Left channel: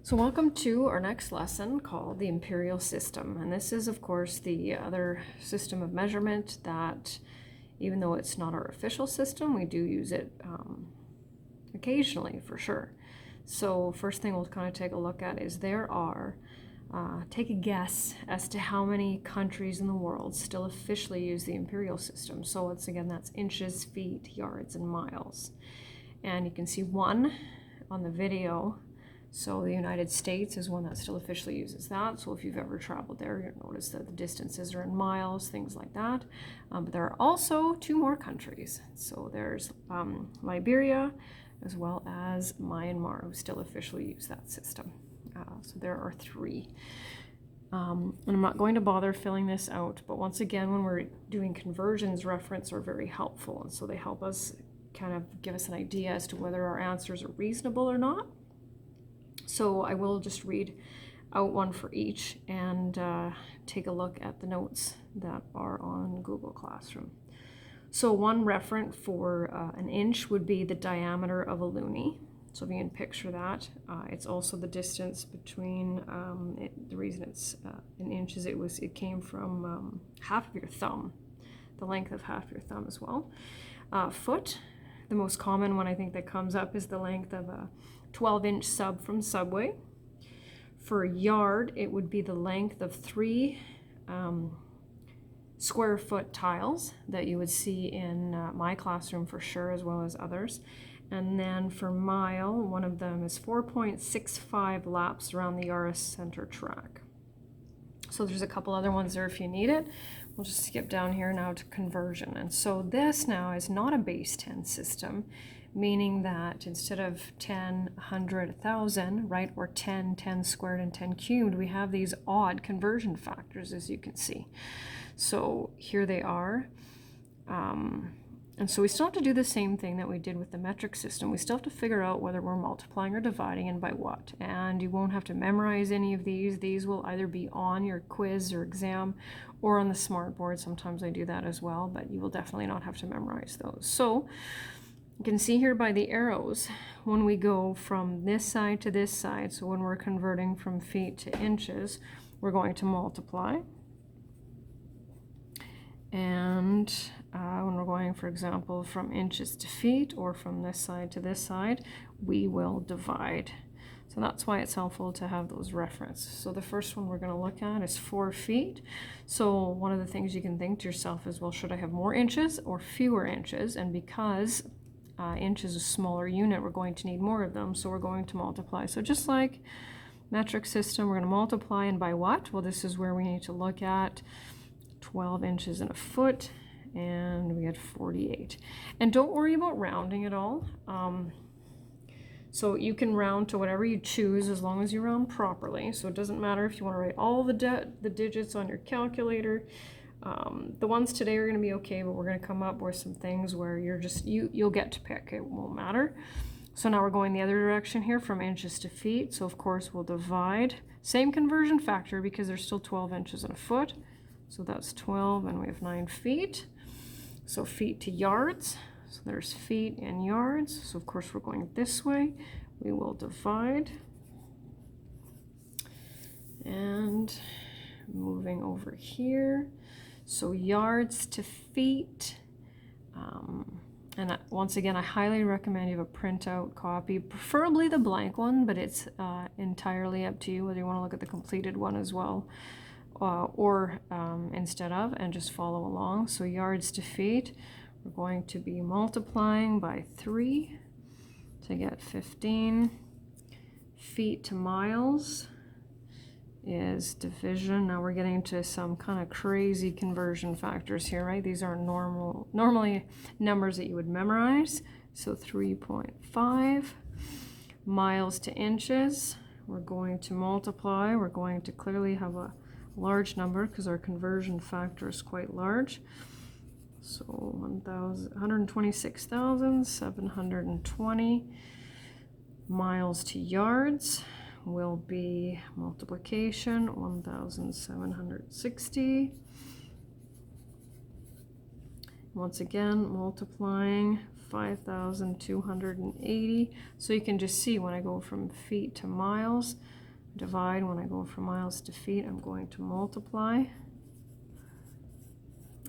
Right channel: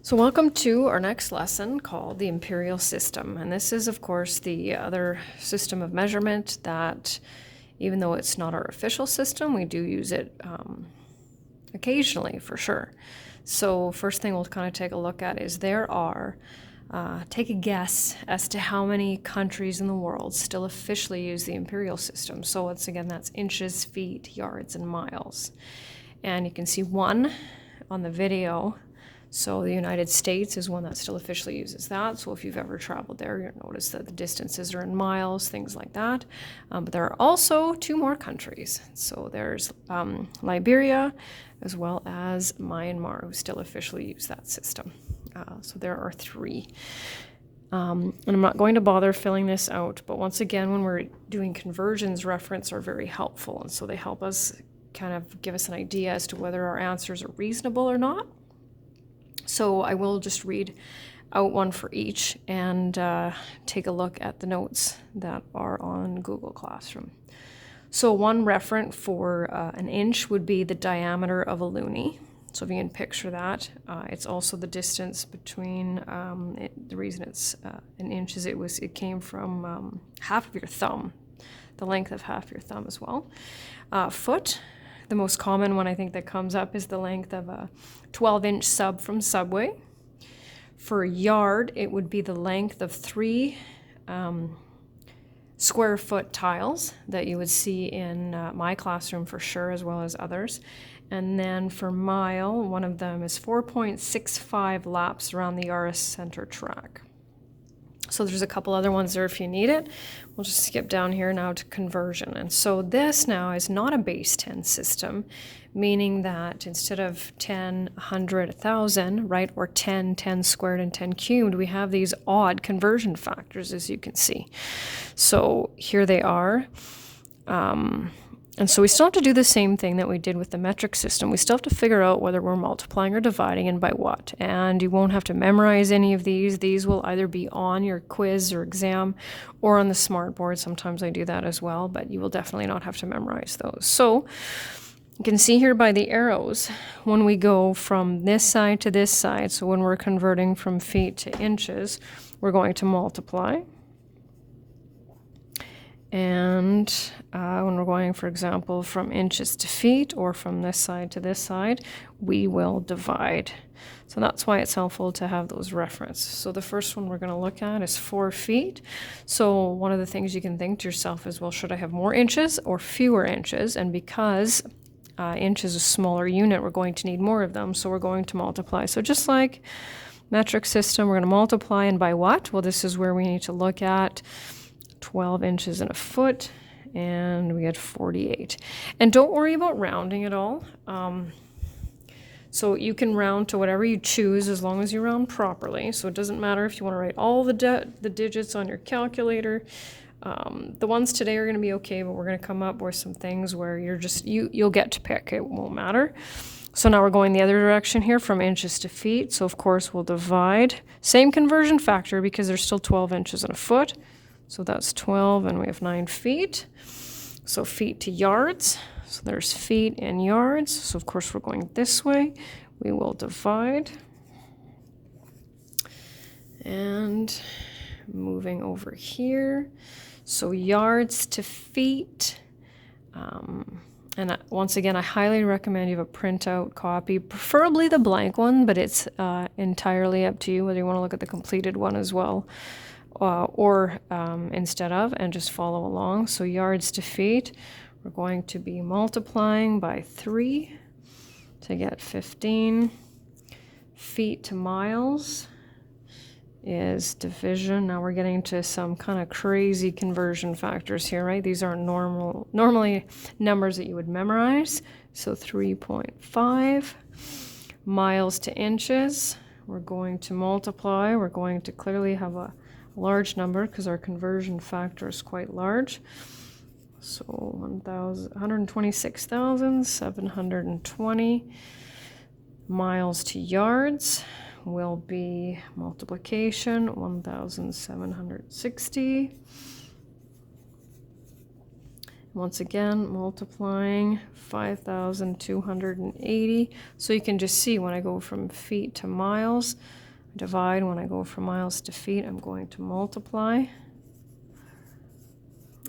So welcome to our next lesson called the Imperial System. And this is, of course, the other system of measurement that, even though it's not our official system, we do use it occasionally for sure. So first thing we'll kind of take a look at is take a guess as to how many countries in the world still officially use the imperial system. So once again, that's inches, feet, yards, and miles. And you can see one on the video. So the United States is one that still officially uses that. So if you've ever traveled there, you'll notice that the distances are in miles, things like that. But there are also two more countries. So there's Liberia as well as Myanmar, who still officially use that system. So there are three. And I'm not going to bother filling this out, but once again, when we're doing conversions, reference are very helpful. And so they help us kind of give us an idea as to whether our answers are reasonable or not. So I will just read out one for each and take a look at the notes that are on Google Classroom. So one referent for an inch would be the diameter of a loonie. So if you can picture that, it's also the distance between, the reason it's an inch is it came from half of your thumb, the length of half your thumb as well. Foot, the most common one I think that comes up is the length of a 12-inch sub from Subway. For a yard, it would be the length of 3 square foot tiles that you would see in my classroom for sure, as well as others. And then for mile, one of them is 4.65 laps around the RS center track. So there's a couple other ones there if you need it. We'll just skip down here now to conversion. And so this now is not a base 10 system, meaning that instead of 10, 100, 1,000, right, or 10, 10 squared, and 10 cubed, we have these odd conversion factors, as you can see. So here they are. And so we still have to do the same thing that we did with the metric system. We still have to figure out whether we're multiplying or dividing and by what. And you won't have to memorize any of these. These will either be on your quiz or exam or on the smart board. Sometimes I do that as well, but you will definitely not have to memorize those. So you can see here by the arrows, when we go from this side to this side, so when we're converting from feet to inches, we're going to multiply. And when we're going, for example, from inches to feet or from this side to this side, we will divide. So that's why it's helpful to have those references. So the first one we're going to look at is 4 feet. So one of the things you can think to yourself is, well, should I have more inches or fewer inches? And because inch is a smaller unit, we're going to need more of them. So we're going to multiply. So just like metric system, we're going to multiply, and by what? Well, this is where we need to look at 12 inches in a foot, and we had 48. And don't worry about rounding at all. So you can round to whatever you choose as long as you round properly. So it doesn't matter if you want to write all the digits on your calculator. The ones today are going to be okay, but we're going to come up with some things where you'll get to pick. It won't matter. So now we're going the other direction here from inches to feet. So of course we'll divide. Same conversion factor because there's still 12 inches in a foot. So that's 12, and we have 9 feet. So feet to yards. So there's feet and yards. So of course we're going this way. We will divide. And moving over here. So yards to feet. And once again, I highly recommend you have a printout copy, preferably the blank one, but it's entirely up to you whether you want to look at the completed one as well. Or instead of, and just follow along. So yards to feet, we're going to be multiplying by 3 to get 15. Feet to miles is division. Now we're getting to some kind of crazy conversion factors here, right? These are normally numbers that you would memorize. So 3.5 miles to inches. We're going to multiply. We're going to clearly have a large number because our conversion factor is quite large. So 126,720 miles to yards will be multiplication 1,760. Once again, multiplying 5,280. So you can just see when I go from feet to miles, divide. When I go from miles to feet, I'm going to multiply.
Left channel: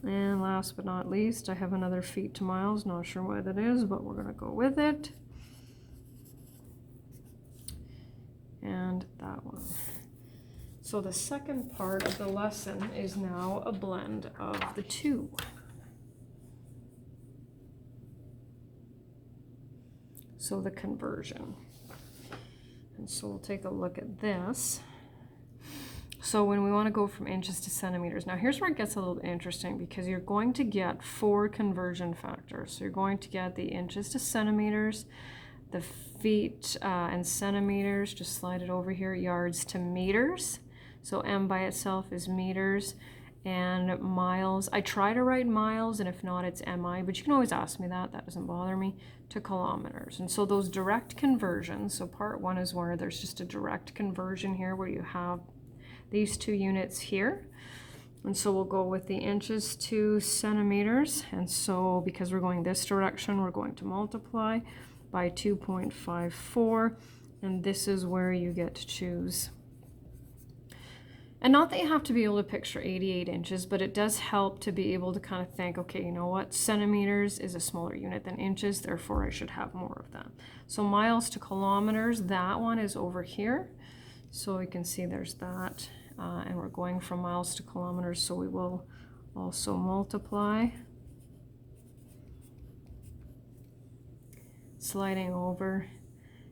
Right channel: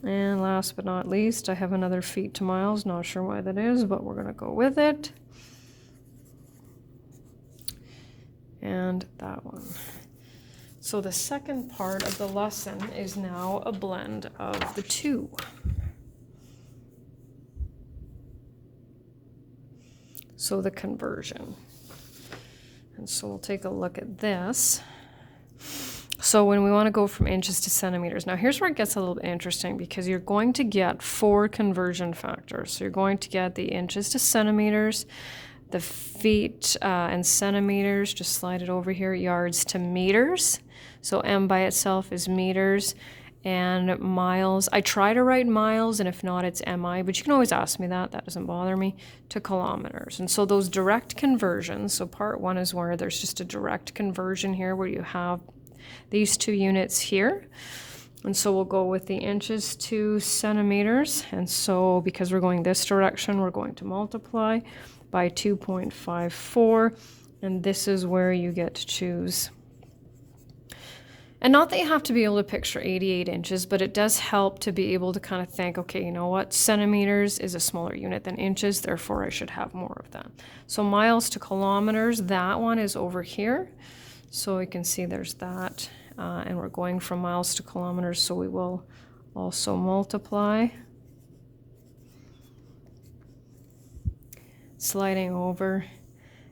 And last but not least, I have another feet to miles. Not sure why that is, but we're going to go with it. And that one. So the second part of the lesson is now a blend of the two. So the conversion. And so we'll take a look at this. So when we want to go from inches to centimeters, now here's where it gets a little interesting because you're going to get 4 conversion factors. So you're going to get the inches to centimeters, the feet and centimeters, just slide it over here, yards to meters. So M by itself is meters, and miles. I try to write miles, and if not, it's MI, but you can always ask me that. That doesn't bother me, to kilometers. And so those direct conversions, so part 1 is where there's just a direct conversion here where you have these 2 units here. And so we'll go with the inches to centimeters. And so because we're going this direction, we're going to multiply by 2.54. And this is where you get to choose. And not that you have to be able to picture 88 inches, but it does help to be able to kind of think, okay, you know what, centimeters is a smaller unit than inches, therefore I should have more of that. So miles to kilometers, that one is over here. So we can see there's that, and we're going from miles to kilometers, so we will also multiply. Sliding over.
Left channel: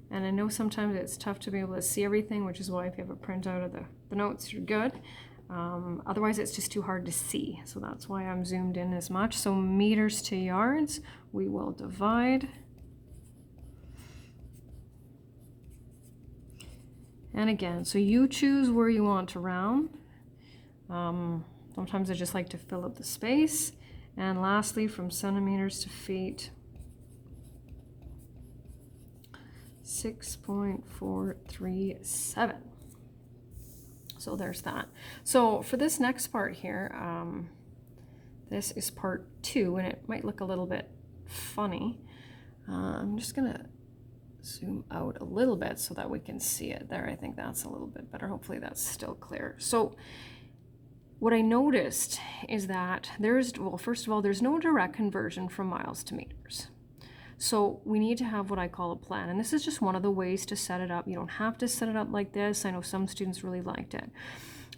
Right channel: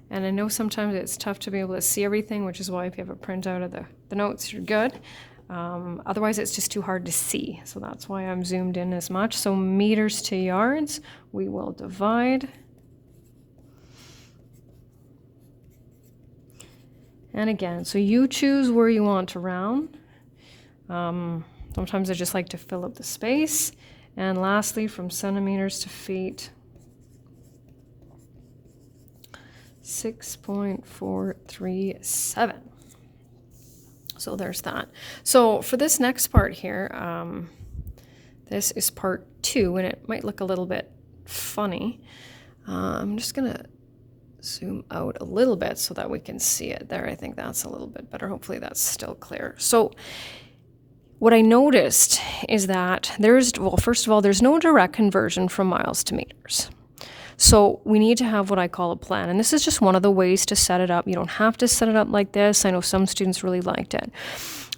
And I know sometimes it's tough to be able to see everything, which is why if you have a printout of the notes, you're good. Otherwise, it's just too hard to see. So that's why I'm zoomed in as much. So meters to yards, we will divide. And again, so you choose where you want to round. Sometimes I just like to fill up the space. And lastly, from centimeters to feet, 6.437. So there's that. So for this next part here, this is part 2, and it might look a little bit funny. I'm just gonna zoom out a little bit so that we can see it there. I think that's a little bit better. Hopefully that's still clear. So what I noticed is that well, first of all, there's no direct conversion from miles to meters. So we need to have what I call a plan. And this is just one of the ways to set it up. You don't have to set it up like this. I know some students really liked it.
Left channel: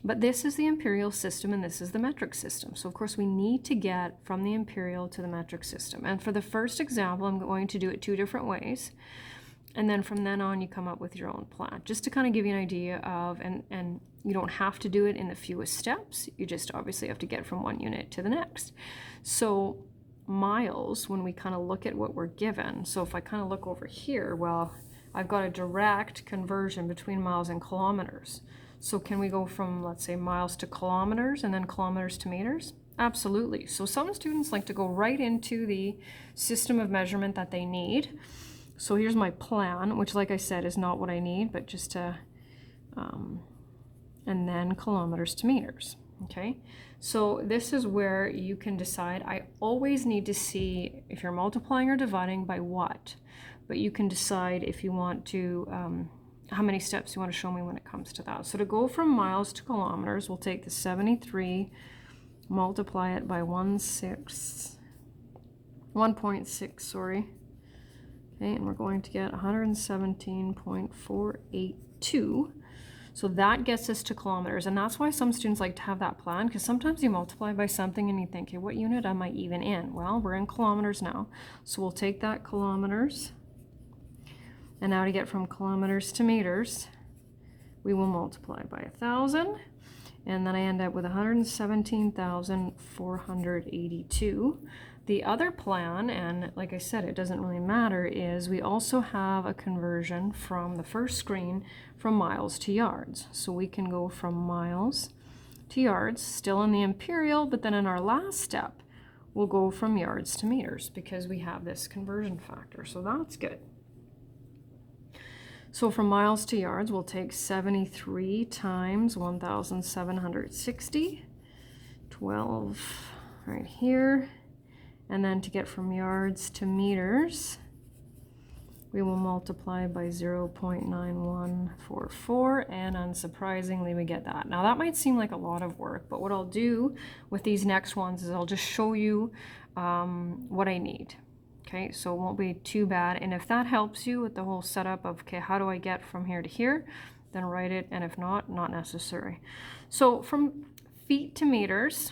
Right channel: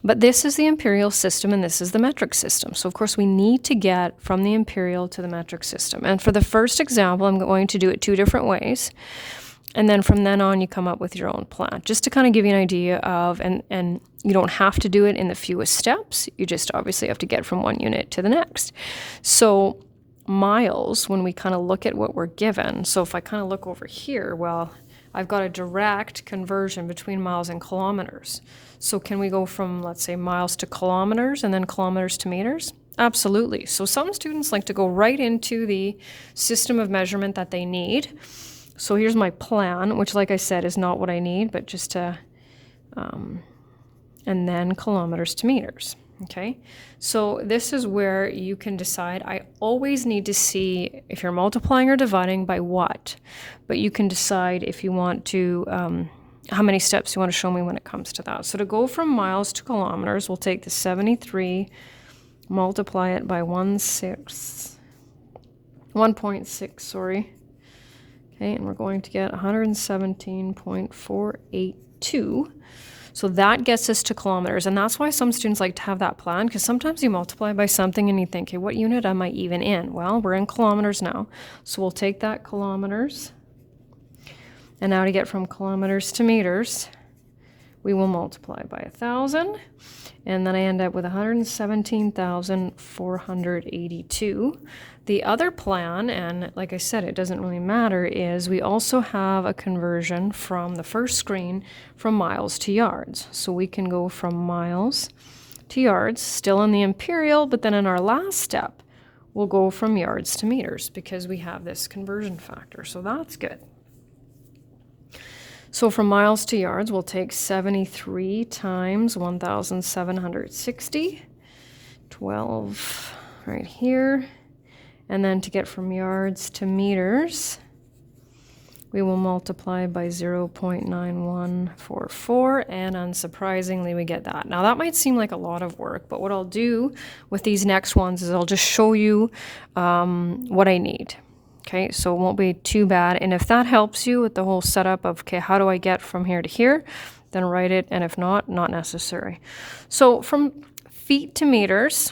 But this is the imperial system and this is the metric system. So of course we need to get from the imperial to the metric system. And for the first example, I'm going to do it 2 different ways. And then from then on, you come up with your own plan, just to kind of give you an idea of, and you don't have to do it in the fewest steps. You just obviously have to get from one unit to the next. So miles, when we kind of look at what we're given, so if I kind of look over here, well, I've got a direct conversion between miles and kilometers. So can we go from, let's say, miles to kilometers and then kilometers to meters? Absolutely. So some students like to go right into the system of measurement that they need. So here's my plan, which, like I said, is not what I need, but just to, and then kilometers to meters. Okay, so this is where you can decide. I always need to see if you're multiplying or dividing by what, but you can decide if you want to, how many steps you want to show me when it comes to that. So to go from miles to kilometers, we'll take the 73, multiply it by 1.6, sorry. Okay, and we're going to get 117.482. So that gets us to kilometers, and that's why some students like to have that plan, because sometimes you multiply by something and you think, hey, what unit am I even in? Well, we're in kilometers now, so we'll take that kilometers, and now to get from kilometers to meters, we will multiply by 1,000, and then I end up with 117,482. The other plan, and like I said, it doesn't really matter, is we also have a conversion from the first screen from miles to yards. So we can go from miles to yards, still in the imperial, but then in our last step, we'll go from yards to meters because we have this conversion factor. So that's good. So from miles to yards, we'll take 73 times 1,760, 12 right here. And then to get from yards to meters, we will multiply by 0.9144, and unsurprisingly we get that. Now that might seem like a lot of work, but what I'll do with these next ones is I'll just show you what I need. Okay, so it won't be too bad. And if that helps you with the whole setup of, okay, how do I get from here to here, then write it, and if not, not necessary. So from feet to meters,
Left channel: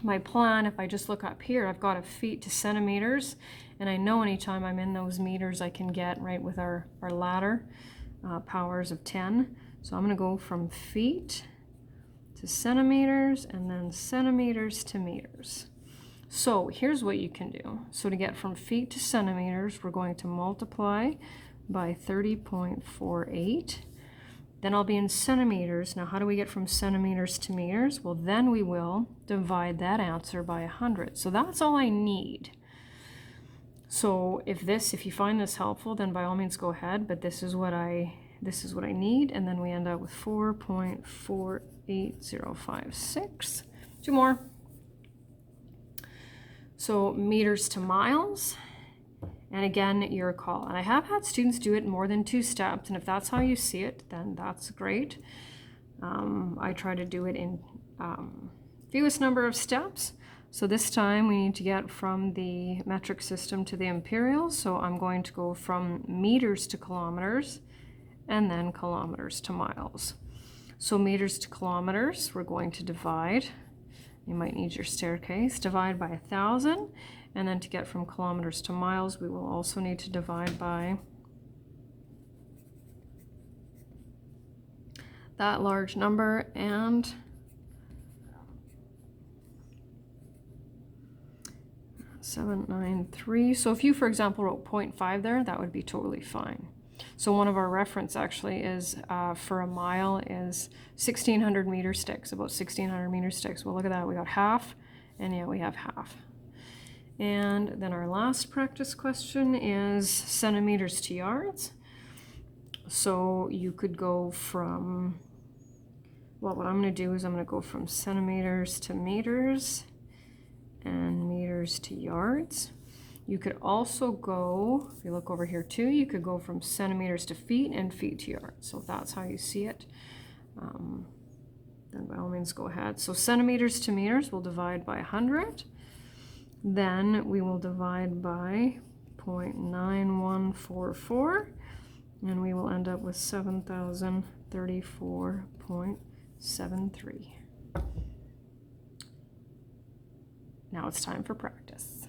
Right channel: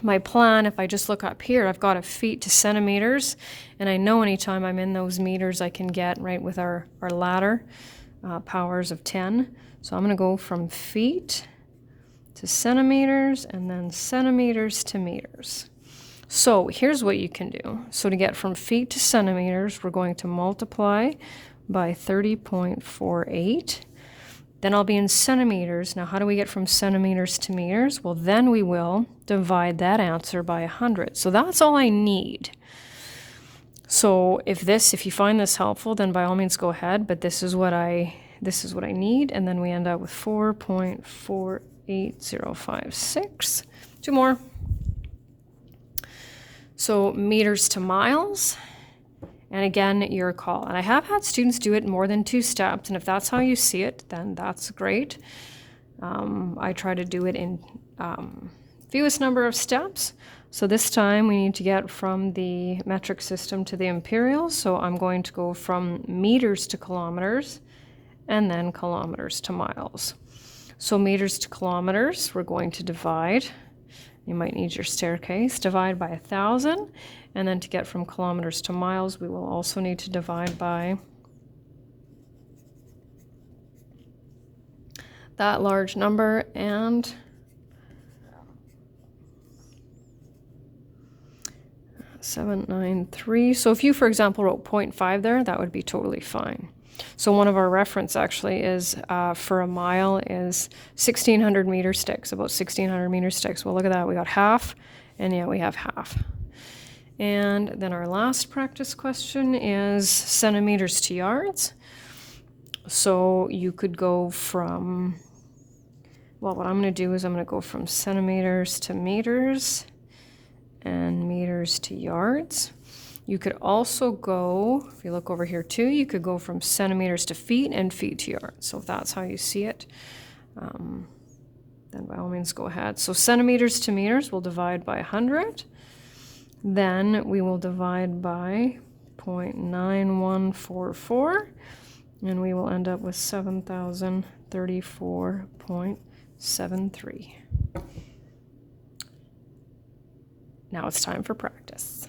my plan, if I just look up here, I've got a feet to centimeters, and I know anytime I'm in those meters I can get, right, with our ladder, powers of 10. So I'm going to go from feet to centimeters, and then centimeters to meters. So here's what you can do. So to get from feet to centimeters, we're going to multiply by 30.48. Then I'll be in centimeters. Now, how do we get from centimeters to meters? Well, then we will divide that answer by 100. So that's all I need. So if you find this helpful, then by all means go ahead, but this is what I need, and then we end up with 4.48056. Two more. So meters to miles. And again, your call. And I have had students do it more than 2 steps, and if that's how you see it, then that's great. I try to do it in fewest number of steps. So this time we need to get from the metric system to the imperial. So I'm going to go from meters to kilometers, and then kilometers to miles. So meters to kilometers, we're going to divide. You might need your staircase. Divide by 1,000. And then to get from kilometers to miles, we will also need to divide by that large number and 793. So if you, for example, wrote 0.5 there, that would be totally fine. So one of our reference actually is for a mile is 1,600 meter sticks, about 1,600 meter sticks. Well, look at that. We got half, and yeah, we have half. And then our last practice question is centimeters to yards. So you could go from, well, what I'm going to do is I'm going to go from centimeters to meters and meters to yards. You could also go, if you look over here too, you could go from centimeters to feet and feet to yards. So if that's how you see it, then by all means go ahead. So centimeters to meters, we'll divide by 100. Then we will divide by 0.9144, and we will end up with 7,034.73. Now it's time for practice.